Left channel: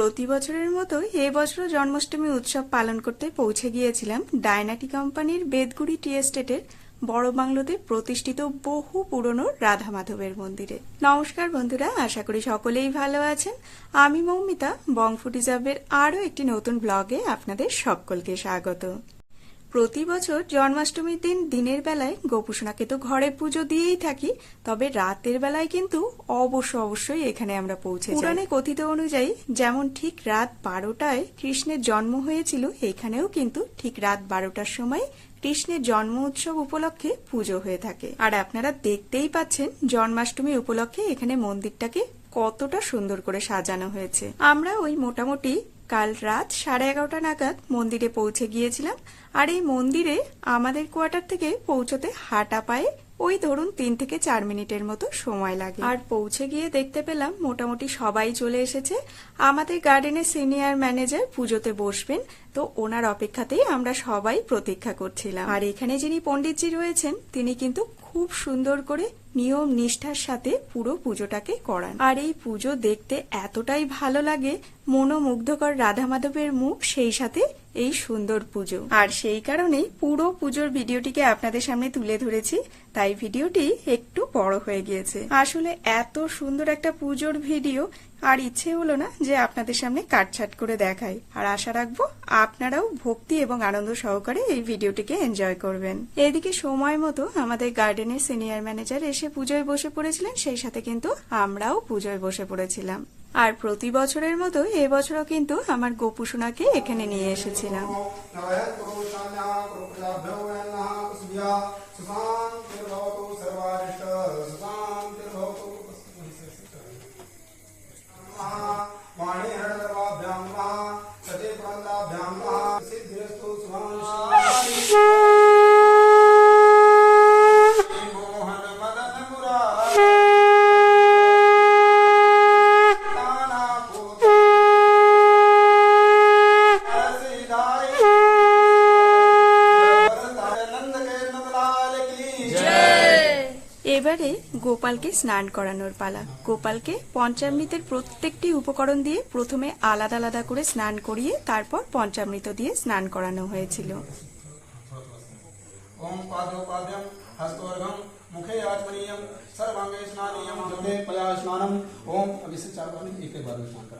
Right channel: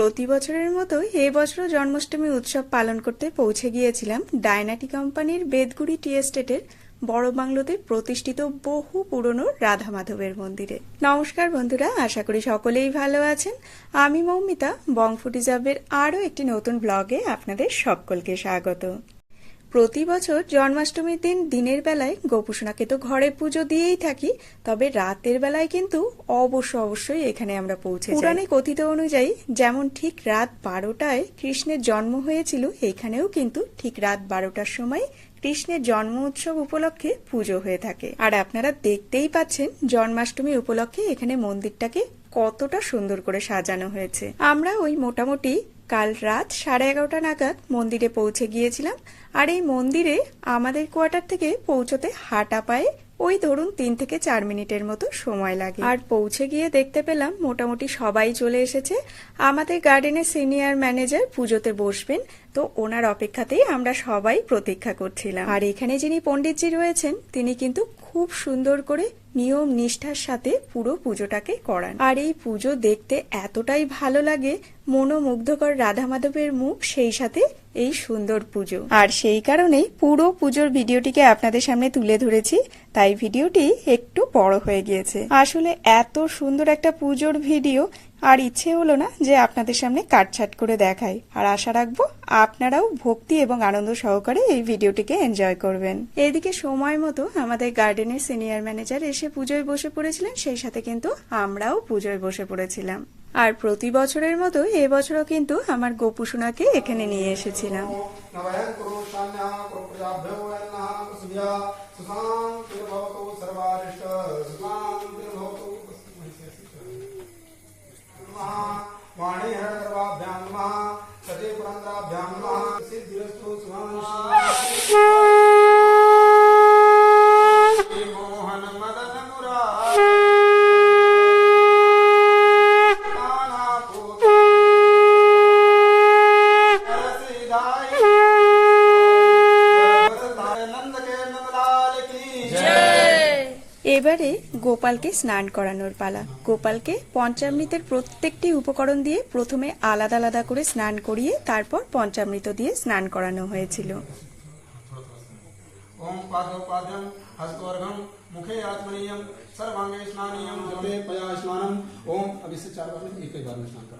প্রতি বছরের মতো এই বছরও জন্মাষ্টমী উৎসব পালন করতে পৌঁছে গিয়েছিলাম ডায়নাটি কোম্পানির বেদগুড়ি টি এস্টেটের বড় বাংলোতে প্রতিষ্ঠিত বহু পুরনো রাধা মাধবের মন্দিরে। নমস্কার বন্ধুরা, আশা করি সকলেই ভালো আছেন। আমি মৌমিতা, বং ফুটিজাবের আরও একটি নতুন ব্লগে আপনাদের সকলকে স্বাগত। প্রতি বছর জন্মাষ্টমীর দিন দিনের বেলায় গোপুসোনাকে তো ঘরে পুজো দিয়েই থাকি, তবে রাতের বেলায় কিন্তু অবশ্যই এখানে আমরা পৌঁছে যাই। পুরাণে কথিত অনুযায়ী যেমন ঠিক রাত 12টায় কৃষ্ণের জন্ম হয়েছিল, এখানেও কিন্তু ঠিক রাত 12টার সময় কৃষ্ণের জন্ম উৎসব উপলক্ষে পুজো হয়ে থাকে। আর আপনারা দেখতেই পাচ্ছেন জন্মাষ্টমী উপলক্ষে এখানে মন্দিরটাকে কতটা সুন্দর করে সাজানো হয়েছে। আমরা ওই মোটামুটি কাল রাত 11:30 নাগাদ মন্দিরে পৌঁছে গিয়েছিলাম। আর এই মন্দিরে আমাদের কোয়ার্টার থেকে পৌঁছতে হাঁটা পায়ে ওই ধরুন 3 থেকে 4 মিনিটের মতো সময় লাগে। আর পৌঁছে গিয়ে দেখতে পেলাম মোটামুটি সবাই চলে এসেছে। আমাদের গার্ডেনের সিনিয়র ম্যানেজার পুজোতে বসবেন, তো ওনার অপেক্ষাতেই আমরা সবাই প্রতীক্ষা করছিলাম। আর এখানে যিনি পণ্ডিতজি রয়েছেন তিনি কিন্তু খুব সুন্দর করে নিয়ম নিষ্ঠার সাথে পুরো পুজোটাকে করান। আর এই পুজো দেখতে এতটাই ভালো লাগে, মনোমুগ্ধকর রাধা মাধবের মুখ, সেই সাথে এই সুন্দর পুজো। আর সেই কারণেই পুরো পুজোর ভিডিওটিকে আপনাদের সামনে তুলে ধরেছি, তাই ভিডিওটি একটু বড় হয়ে গিয়েছে। আসলে এত সুন্দর একটা পুজোর ভিডিও আর ইচ্ছে হলো না যে আপনাদের সামনে কাটছাট করে দেখাই। আর আশা রাখবো আপনারাও ভক্তি এবং আনন্দ সহকারে এই ভিডিওটিকে এনজয় করবেন। এদিকে সময় মতো আমাদের গার্ডেনের সিনিয়র ম্যানেজার এসে পুজোয় বসে পড়েছিলেন, সেই সাথে কিন্তু আমরাও পুজোয় বসে পড়েছিলাম। আর প্রতি বছরের মতো এবছরও কিন্তু আমার গোপুসোনাকে এখানে নিয়ে এসেছিলাম। এবারে গোপালকে স্নান করানোর পালা। গোপালকে পঞ্চামৃতের প্রত্যেকটি উপকরণ দিয়ে প্রথমে আলাদা আলাদা করে স্নান করিয়ে তারপর পঞ্চামৃত দিয়ে স্নান করানো হয়েছিল। ओम पादोपाद्यम हस्तवर्गम मुखे आत्मनीयम सर्वांगे स्नानीयम जोगे पया स्नानम। ओम अब इससे 4 बार एक बार में स्नान कराना।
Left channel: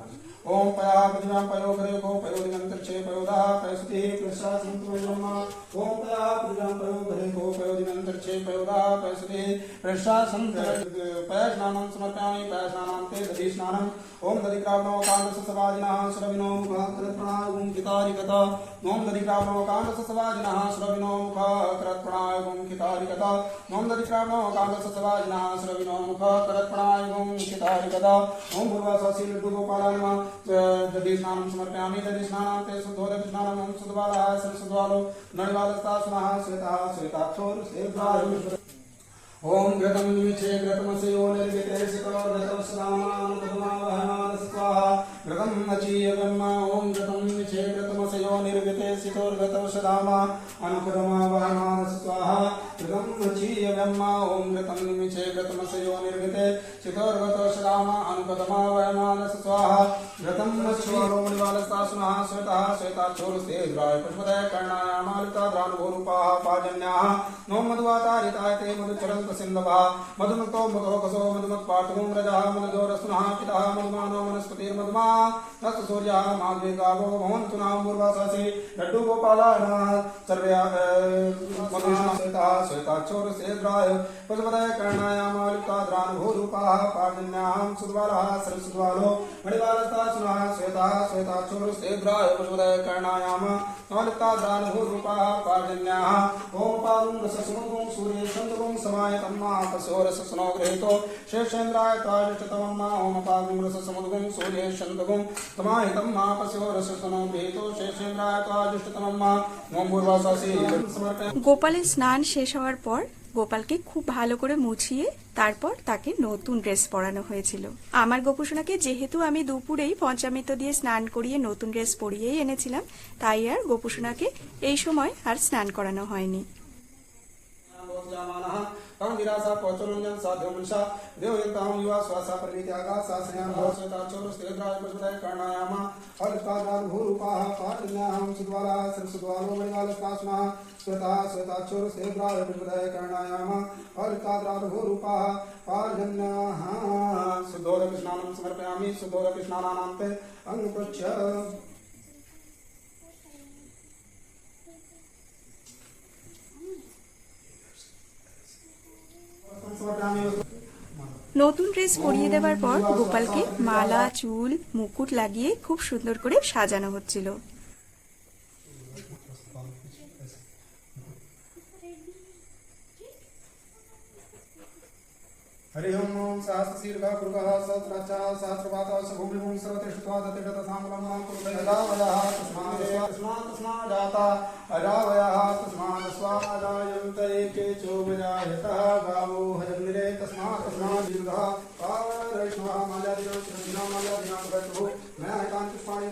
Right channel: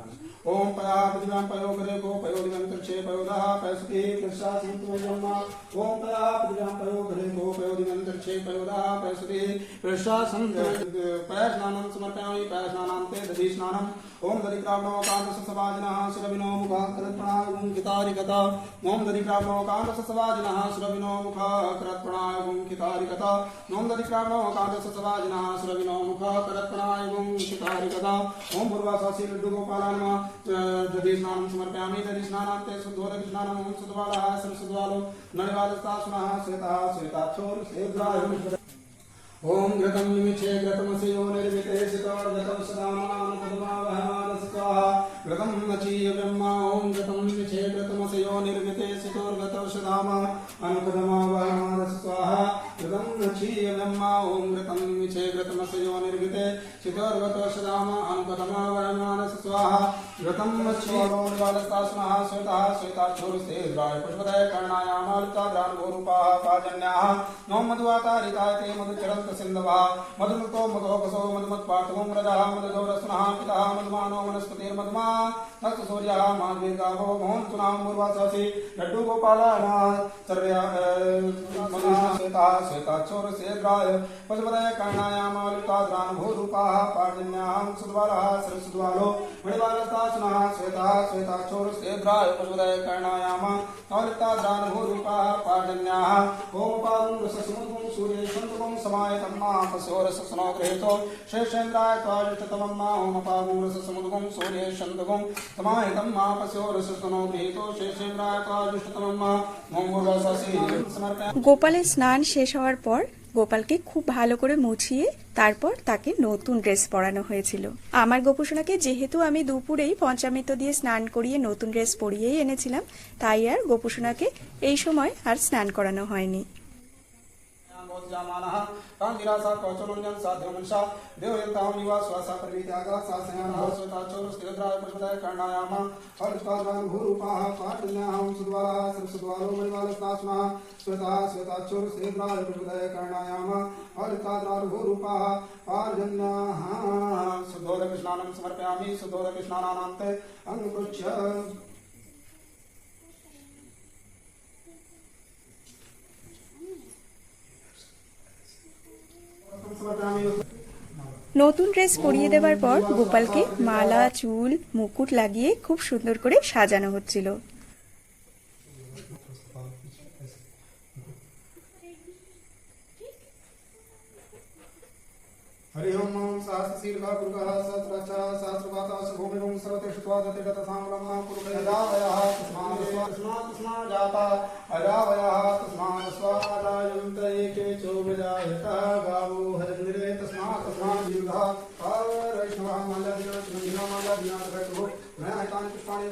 ओम पया पद्मम पयो करे को पयो दिगंतर्षे पयोदा पैसुते प्रसादं प्रयम्मा। ओम पया पद्मम पयो करे को पयो दिगंतर्षे पयोदा पैसुते प्रसादं पया स्नानं समर्पयामि। पया स्नानान्ते दधि स्नानम। ओम दधिक्रावणो कांडससवाजिनः सुरविनो मुखः करत्प्रणाय गुंकितारिकता। ओम दधिक्रावणो कांडससवाजिनः सुरविनो मुखः करत्प्रणाय गुंकितारिकता। ओम दधिक्रावणो कांडससवाजिनः सुरविनो मुखः करत्प्रणाय गुंकितारिकता। ओम पूर्वासासी लड्डू गोपालाय नमः। दधि स्नानं समर्पयामि। दधि स्नानान्ते शुद्धो दधि स्नानम्। ओम शुद्धबालः सरस्वद्वालो नळिवालस्तासुनः श्वेतः श्वेताक्षोर श्वेद्राय। ओम घृतं निमिषे घृतमसयो निर्विते सितो घृतं सदामानुपदमा वहमानस स्वाहा। घृतं मचीय ब्रह्मा। ओम घृतं निमिषे घृतमसयो निर्विते सितो घृतं सदामा अनुपदमा वहमानस स्वाहा। घृतं मचीय ब्रह्मा। ओम घृतं निमिषे घृतमसयो निर्विते सितो घृतं सदामा अनुपदमा वहमानस स्वाहा। घृतं मच्छवालो मणिवालस्तासुनः श्वेतः श्वेताक्षोरस्ते द्राय पशुपतये कर्णायामालिताद्रानुभोरूपाः पाजन्याः। ओम मधुवातारिताय ते मधुचरन्त सिन्धवः। मधुमुक्तो मधोकसो मधुमत्पाटुं रजः मधुजोरस्नः पितः मधुमानो वनस्पतिर्मधुमा तस्य सूर्यः माघवेगावो मोहन्तु नाम पूर्वासासि लड्डू गोपालाय नमः। सर्वे श्वेतः श्वेताक्षोरस्तेद्राय पशुपतये कर्णायामालिताद्रानुभोरूपाः पाजन्याः सुद्वालः सरस्वद्वालो मणिवालस्तासुनः श्वेतः श्वेताक्षोरस्तेद्राय पशुपतये कर्णायामालिताद्रानुभोरूपाः पाजन्याः। ओम पादं रससमुद्गं सूर्ये सन्तगं समायतं मापसोरससनो गृहीतो शेषेन्द्राय त्वाजुष्टतमं मा। ओम पादं रससमुद्गं सूर्ये सन्तगं समाहितं मापसोरससनो गृहीतो शेषेन्द्राय त्वाजुष्टतमं मा। ओम पूर्वासासि समर्पयामि। গোপালের স্নান শেষ হওয়ার পর গোপালকে খুব ভালো করে মুছিয়ে তারপর তাকে নতুন ড্রেস পরানো হয়েছিল। আমার গোপুসোনাকে যেহেতু আমি দুপুরেই পঞ্চামৃত দিয়ে স্নান করিয়ে নতুন ড্রেস পরিয়েই এনেছিলাম, তাই আর গোপুসোনাকে এই সময় আর স্নান করানো হয়নি। कांगिरासा कौचोरंजन साध्यमंशा देवयंताम युवा स्वासा परित्यागा सासयान स्वताचोर स्थिरद्राय पुष्पदाय कर्णायामा हरिष्टानाग भूरूपाः पाटिन्याहं सुद्वाला सरसुद्वालो मणिवाल स्नास्ना स्वता स्वताचोर स्थिरद्राय पुष्पदाय कर्णायामा हरिष्टाद्राग भूरूपाः पार्जन्याः शुद्धोदक स्नानं समर्पयामि शुद्धोदक स्नानानान्ते अंगपुच्छ নতুন ড্রেস পরিয়ে দেওয়ার পর গোপালকে মালা চুল মুকুট লাগিয়ে খুব সুন্দর করে সাজানো হচ্ছিল। हरि ओम सहस्रशीर्घः गुरुः सहस्रचा सहस्रपाता सुभूमिभूं सर्वतिष्ठत्वा दतिगतसाम्रं कुरुभयदावयः तस्मात् जाता अजावयः तस्मात् स्वाजायन्त एके चोबजायतः गावो हजन्निरे तस्मात् दीर्घः पावरैष्णवः माल्यादिनो माल्यादिनो मैं एकान्तपुष्पाणि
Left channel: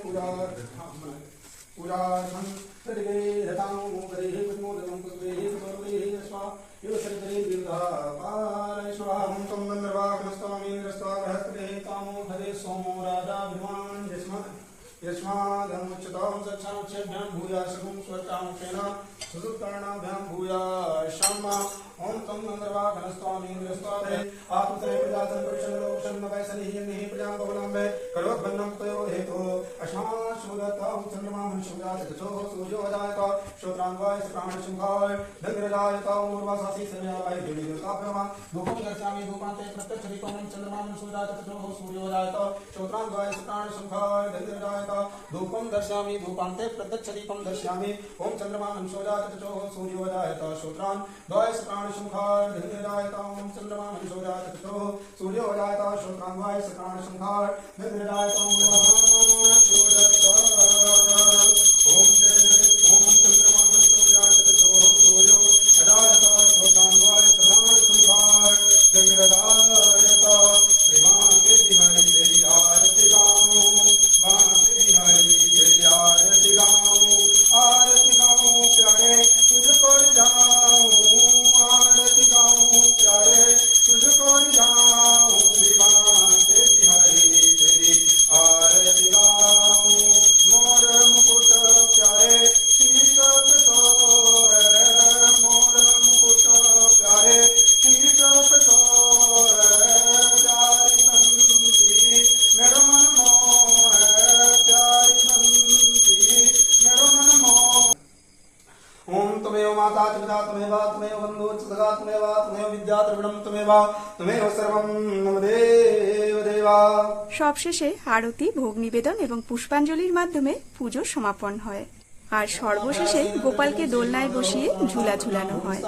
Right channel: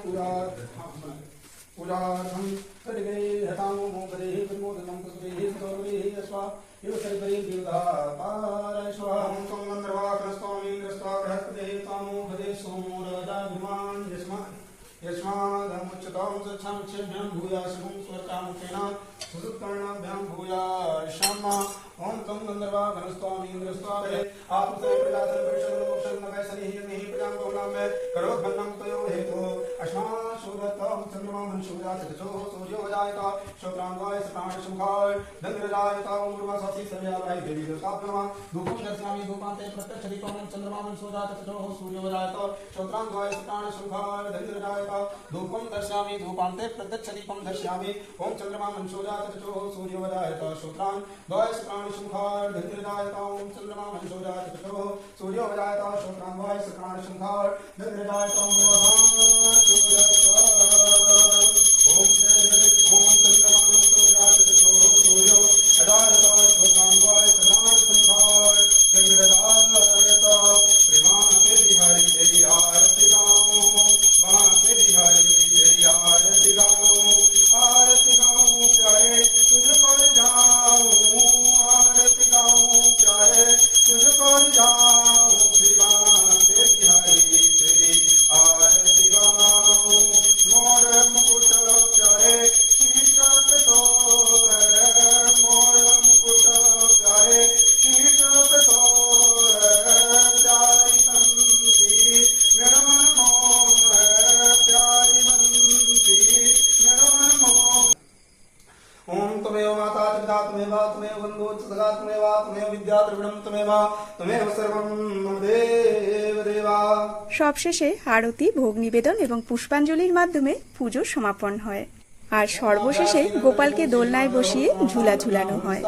पूजार्थं तद्वे हतामो मोगरेः विमोदनं तद्वेः सतोर्वेः अस्वा युवसरितरे दीर्घः पारैष्णवः तं गन्धर्वाग्रस्वामीन्द्रस्वा बृहस्पतिः तामो हरे सोमो राजाभिमान् यस्मादमुच्यतां सच्छांक्षेभ्यं भूयाशकं स्वचांक्षेण सुसुत्कर्णाभ्यां भूयाशम् ओं तं गन्धर्वाग्रस्वामीन्द्रस्वा आपते प्रजातं परिषन्नवैसनिः प्रजां गौणाम्बे करोद्भन्नं तयो हेतुः अश्माशूरत्वां चन्द्रमाहं शूराचतचो सूर्यो अजायत श्रोत्रान्वाय प्राणशुंखाय धन्यराजता उर्वासासी सर्वयावाय देवी देवताभ्यः धूपं दर्शयामि धूपान्ते प्रत्यक्षदीपं चन्द्रमाहं शूराचतचो सूर्यो अजायत श्रोत्रान्वाय प्राणशुंखाय धन्यराजता धूपं दर्शयामि धूपान्ते प्रत्यक्षदीपं दर्शयामि ओं चन्द्रमाहं शूराचतचो सूर्यो अजायत श्रोत्रान् द्वाय प्राणशुंखाय धन्यराजता ओं चन्द्रमाहं शूराचतचो सूर्यो अजायत श्रोत्रान्वाय प्राणशुंखाय धन्यराजता ओम तमेव माता च पिता तमेव तमेव बन्धु च सखा तमेव तमेव विद्या द्रविणं तमेव तमेव सर्वं मम देव देवा। সবশেষে আরতি ভোগ নিবেদন এবং পুষ্পাঞ্জলির মাধ্যমে পুজো সমাপন হয়। আর সর্বশেষে গোপালকে দোলনায় বসিয়ে ঝুলা ঝুলানো হয়।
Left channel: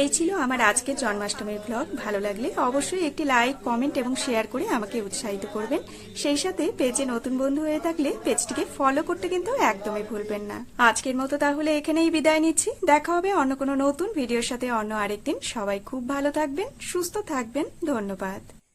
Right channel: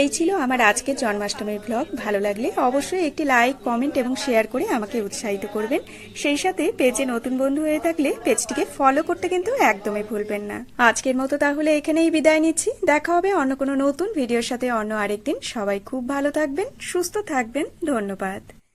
এই ছিল আমার আজকের জন্মাষ্টমীর ব্লগ। ভালো লাগলে অবশ্যই একটি লাইক, কমেন্ট এবং শেয়ার করে আমাকে উৎসাহিত করবেন। সেই সাথে পেজে নতুন বন্ধু হয়ে থাকলে পেজটিকে ফলো করতে কিন্তু একদমই ভুলবেন না। আজকের মতো তাহলে এখানেই বিদায় নিচ্ছি। দেখা হবে অন্য কোনো নতুন ভিডিওর সাথে অন্য আরেকদিন। সবাই খুব ভালো থাকবেন, সুস্থ থাকবেন। ধন্যবাদ।